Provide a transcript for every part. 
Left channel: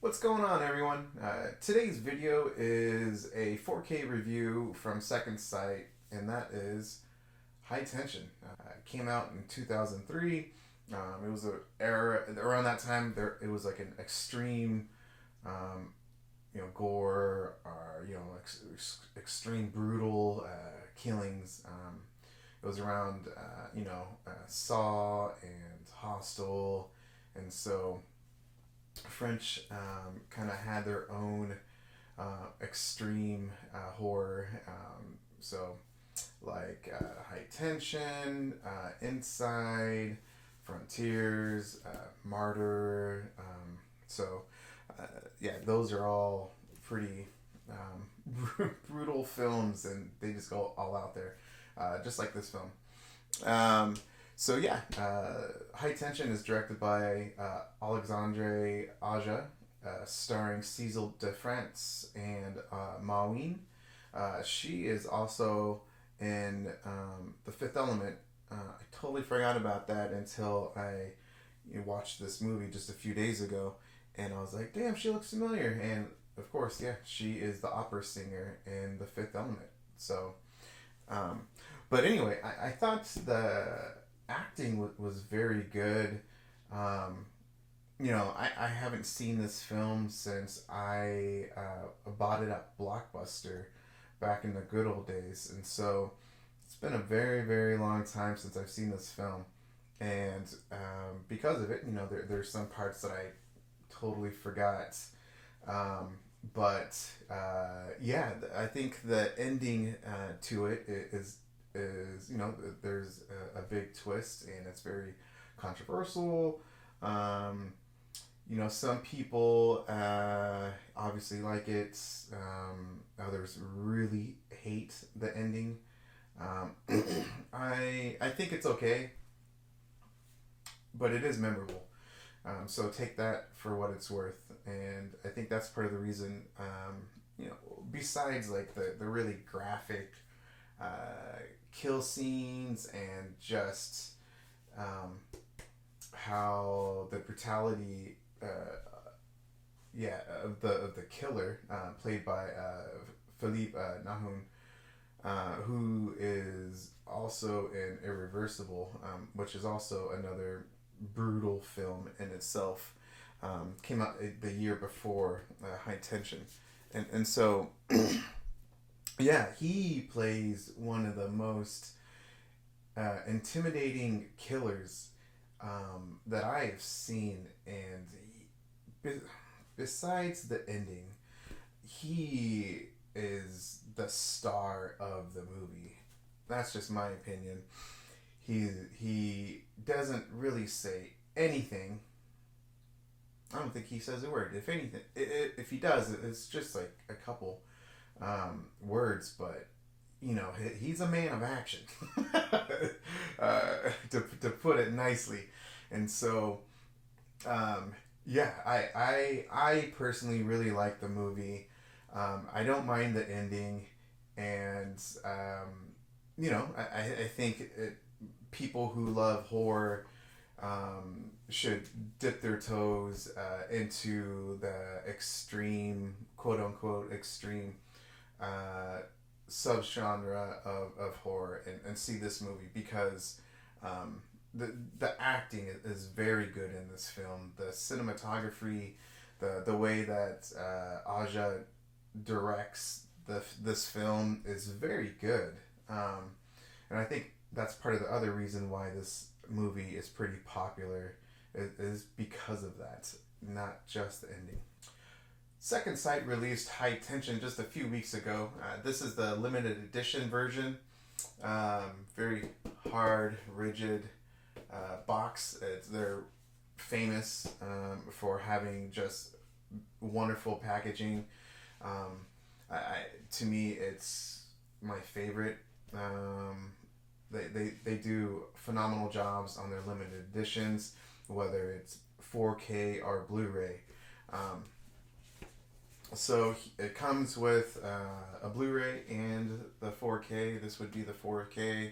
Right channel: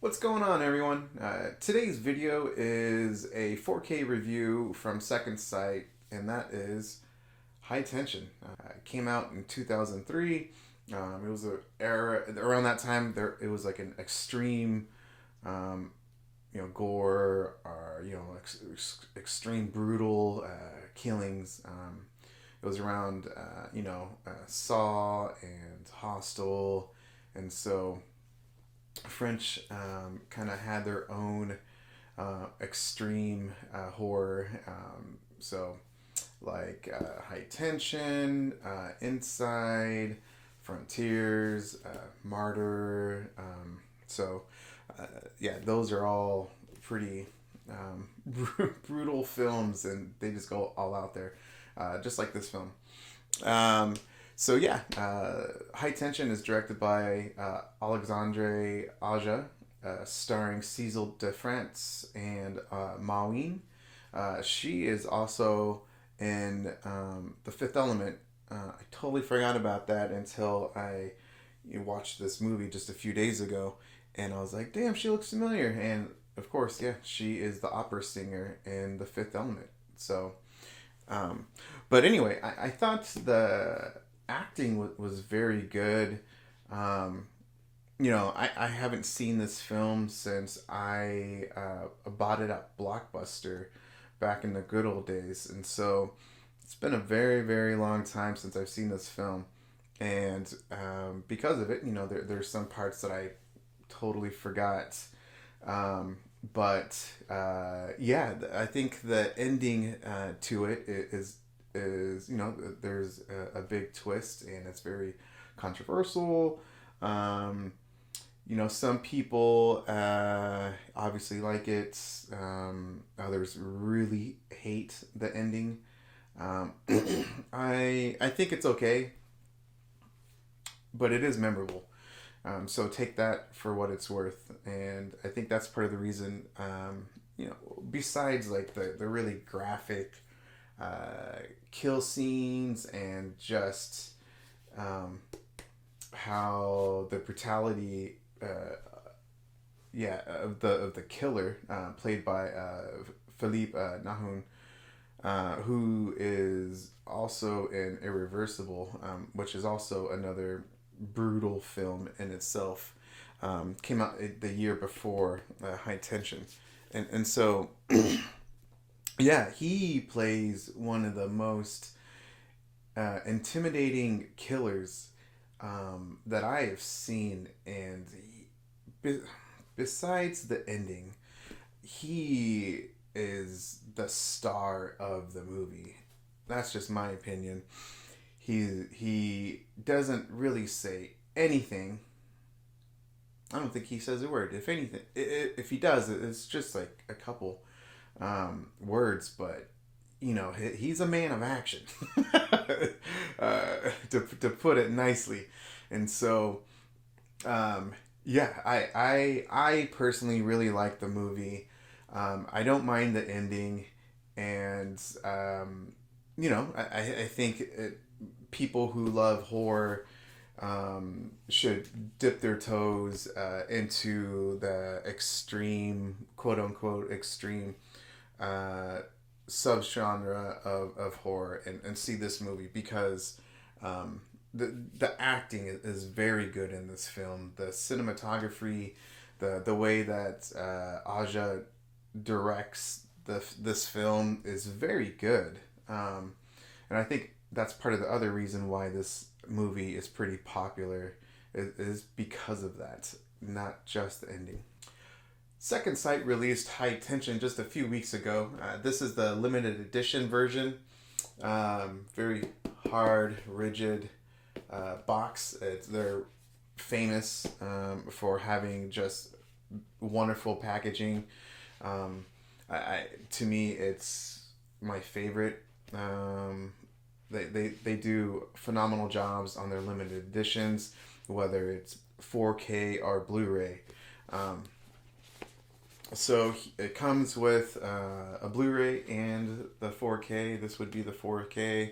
What's going on, everyone? Today's video is a 4K review from Second Sight, and that is High Tension. It came out in 2003. It was a era around that time. It was like an extreme, um, gore or extreme brutal killings. It was around Saw and Hostel, and so French kind of had their own extreme horror. So, like High Tension, Inside, Frontiers, Martyr. So, yeah, those are all pretty brutal films, and they just go all out there, just like this film. Um, so yeah, High Tension is directed by Alexandre Aja, starring Cecil de France and Maween. She is also in The Fifth Element. I totally forgot about that until I watched this movie just a few days ago, and I was like, "Damn, she looks familiar." And of course, yeah, she is the opera singer in The Fifth Element. So um, but anyway, I thought the acting was very good. Um, I haven't seen this film since I bought it at Blockbuster back in the good old days. And so it's been a very, very long time since I've seen this film. And because of it, there's some parts that I totally forgot. Um, but yeah, I think the ending to it is there's a big twist, and it's very controversial. Um, some people obviously like it. Others really hate the ending. Um, I think it's okay, but it is memorable. So take that for what it's worth, and I think that's part of the reason. Besides like the really graphic kill scenes and just um, how the brutality, of the killer, played by Philippe Nahun, who is also in Irreversible, which is also another brutal film in itself. Came out the year before High Tension, and so yeah, he plays one of the most intimidating killers that I have seen, and besides the ending, he is the star of the movie. That's just my opinion. He doesn't really say anything. I don't think he says a word. If anything, if he does, it's just like a couple words. But he's a man of action, to put it nicely. And so, yeah, I personally really like the movie. I don't mind the ending, and I think people who love horror should dip their toes into the extreme, quote unquote, extreme uh, subgenre of horror, and see this movie because the acting is very good in this film. The cinematography, the way that Aja directs this film is very good, and I think that's part of the other reason why this movie is pretty popular is because of that, not just the ending. Second Sight released High Tension just a few weeks ago. This is the limited edition version. Very hard, rigid box. They're famous for having just wonderful packaging. To me, it's my favorite. They do phenomenal jobs on their limited editions, whether it's 4K or Blu-ray. Um, so it comes with a Blu-ray and the 4K. This would be the 4K.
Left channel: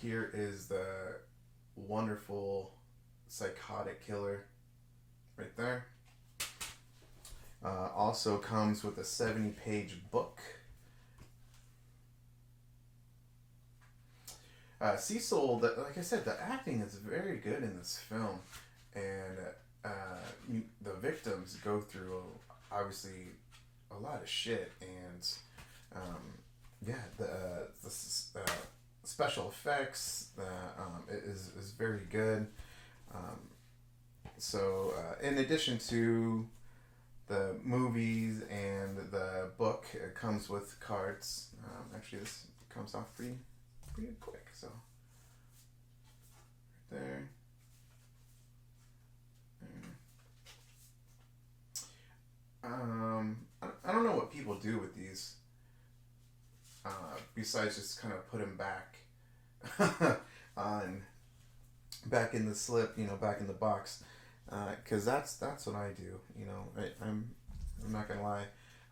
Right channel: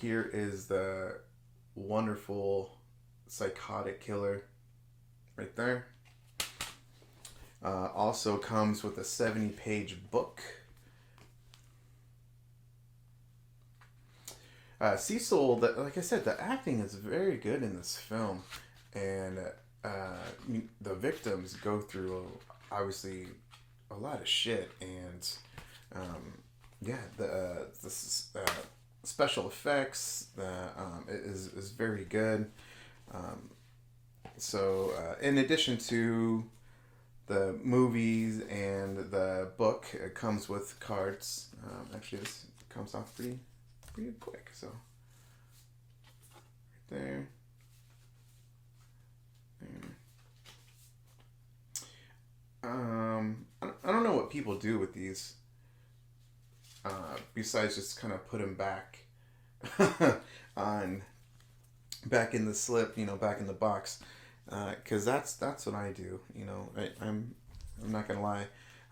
Here is the wonderful psychotic killer right there. Also comes with a 70-page book. Cecil, like I said, the acting is very good in this film, and the victims go through obviously a lot of shit, and yeah, the special effects is very good. Um, in addition to the movies and the book, it comes with cards. Actually, this comes off pretty quick. So right there. I don't know what people do with these, besides just kind of put them back on back in the slip, back in the box, because that's what I do. I'm not gonna lie,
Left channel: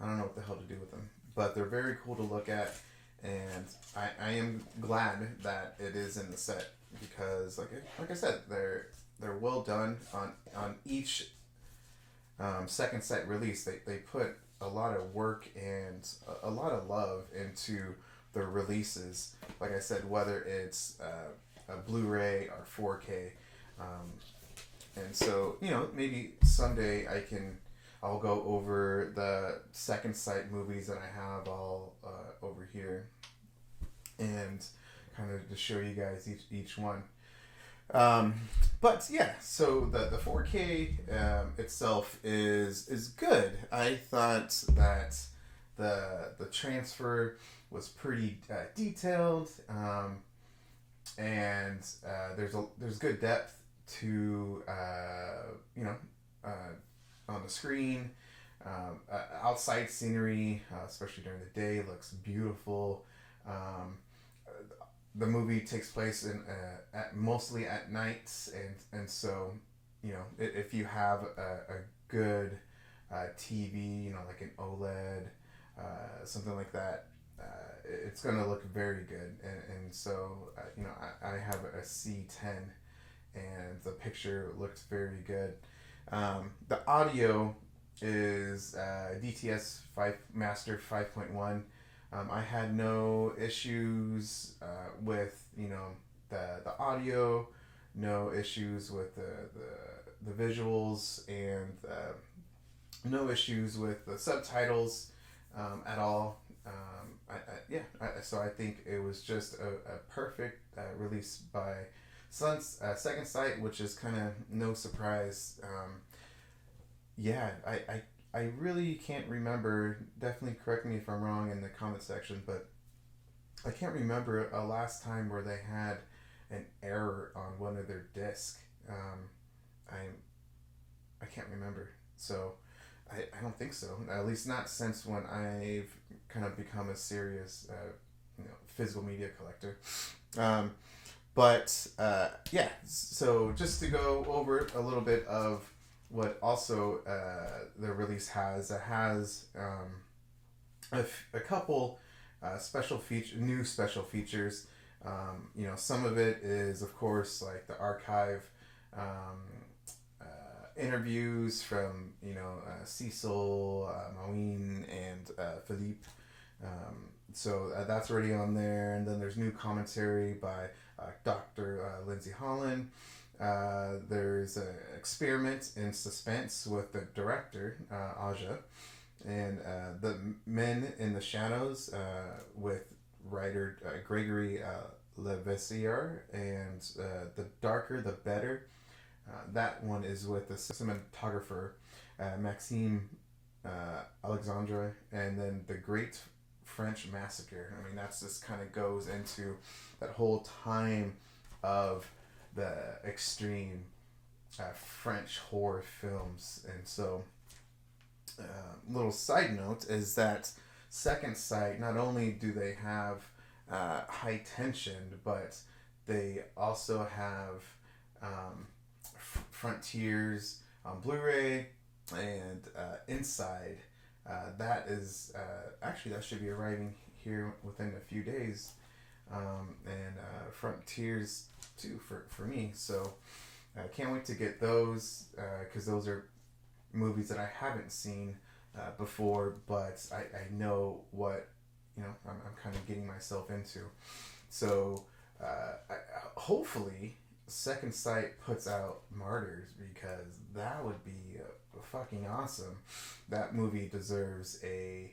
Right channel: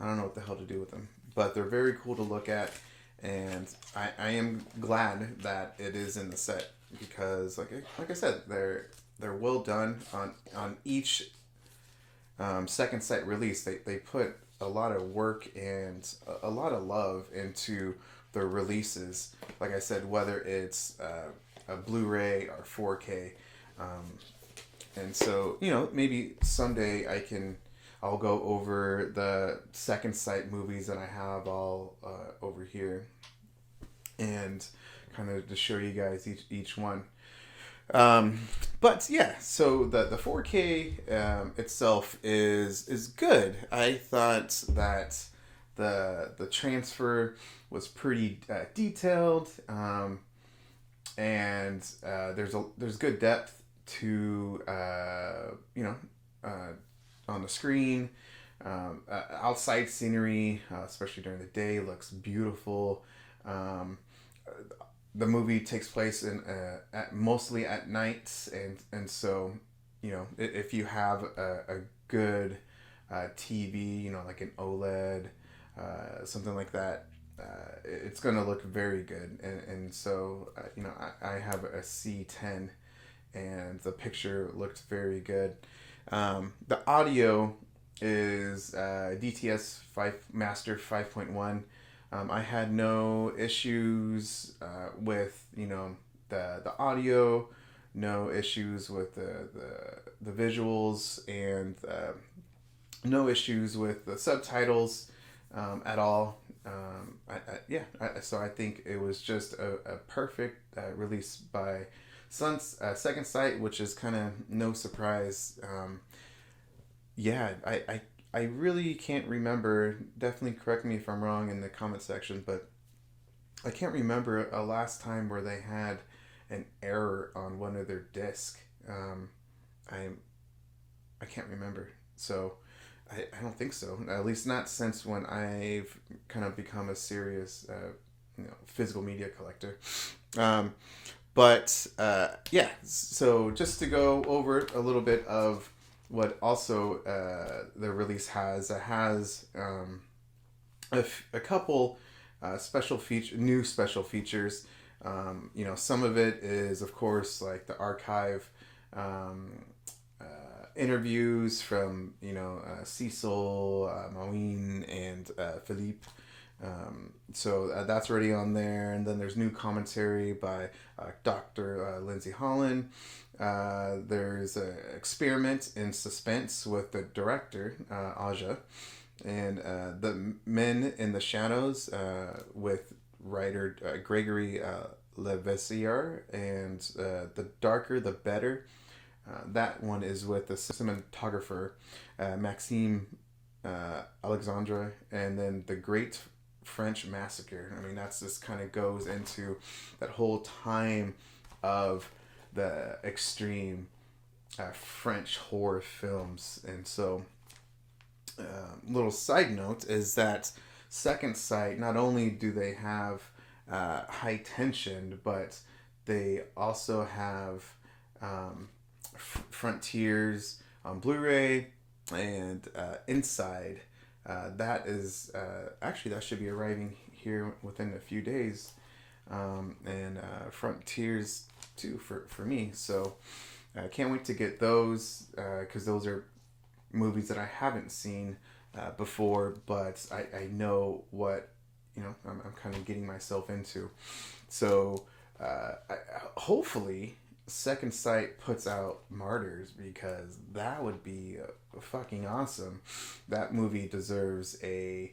I don't know what the hell to do with them, but they're very cool to look at, and I am glad that it is in the set because, like I said, they're well done on each second set release. They put a lot of work and a lot of love into the releases. Like I said, whether it's a Blu-ray or 4K, and so maybe someday I'll go over the second sight movies that I have all over here, and kind of to show you guys each one. But yeah, so the 4K itself is good. I thought that the transfer was pretty detailed, and there's good depth to on the screen. Outside scenery, especially during the day, looks beautiful. The movie takes place mostly at night, and so if you have a good TV, like an OLED, something like that, it's gonna look very good. And so I have a C10, and the picture looked very good. The audio is DTS 5 Master 5.1. I had no issues with the audio, no issues with the visuals, and no issues with the subtitles at all. So I think it was just a perfect release by Second Sight, which is kind of no surprise. I really can't remember. Definitely correct me if I'm wrong in the comment section, but I can't remember a last time where they had an error on one of their discs. I can't remember. So I don't think so. At least not since when I've kind of become a serious physical media collector. So just to go over a little bit of what also the release has, it has a couple new special features. Some of it is, of course, like the archive interviews from Cecil, Maween, and Philippe. So that's already on there, and then there's new commentary by Dr. Lindsay Holland. There's an experiment in suspense with the director, Aja, and the Men in the Shadows with writer Gregory Levasseur, and The Darker the Better. That one is with the cinematographer Maxime Alexandre, and then The Great French Massacre. I mean, that's just kind of goes into that whole time of the extreme French horror films. And so little side note is that Second Sight, not only do they have High Tension, but they also have Frontiers on Blu-ray and Inside. That is actually, that should be arriving here within a few days, and Frontiers too for me. So I can't wait to get those because those are movies that I haven't seen before, but I know what, I'm kind of getting myself into. So hopefully Second Sight puts out Martyrs, because that would be fucking awesome. That movie deserves a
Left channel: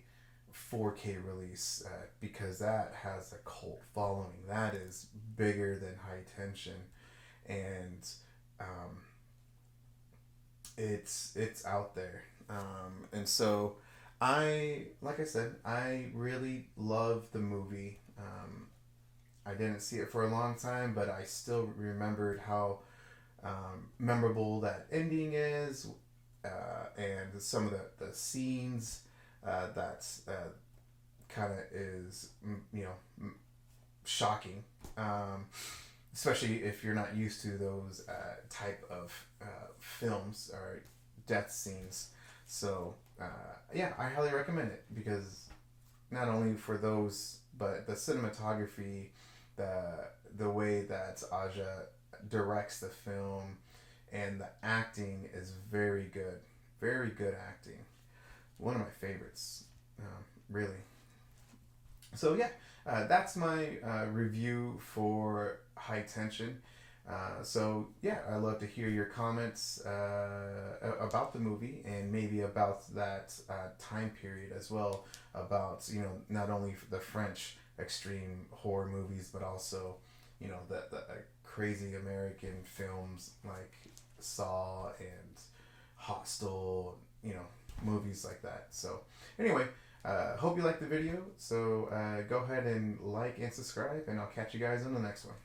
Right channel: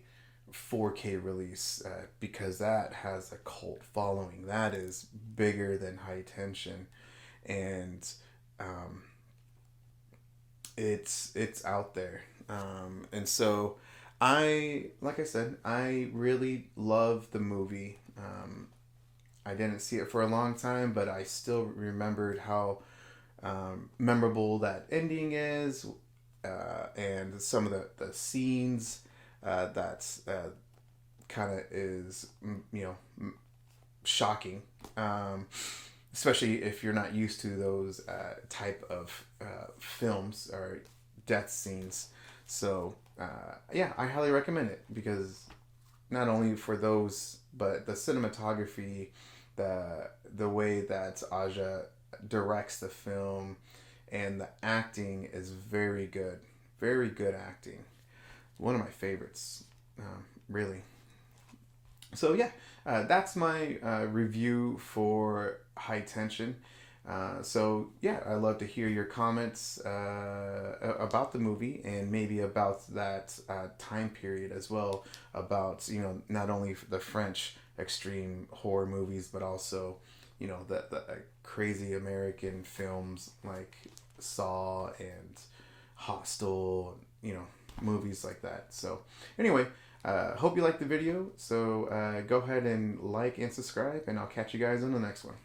4K release, because that has a cult following. That is bigger than High Tension, and um, it's out there. And so like I said, I really love the movie. I didn't see it for a long time, but I still remembered how memorable that ending is, and some of the scenes that kind of is, shocking, especially if you're not used to those type of films or death scenes. So yeah, I highly recommend it, because not only for those, but the cinematography, the the way that Aja directs the film, and the acting is very good, very good acting. One of my favorites, really. So yeah, that's my review for High Tension. So yeah, I'd love to hear your comments about the movie, and maybe about that time period as well. About, not only the French extreme horror movies, but also, the crazy American films like Saw and Hostel. Movies like that. So anyway, hope you liked the video. So go ahead and like and subscribe, and I'll catch you guys in the next one.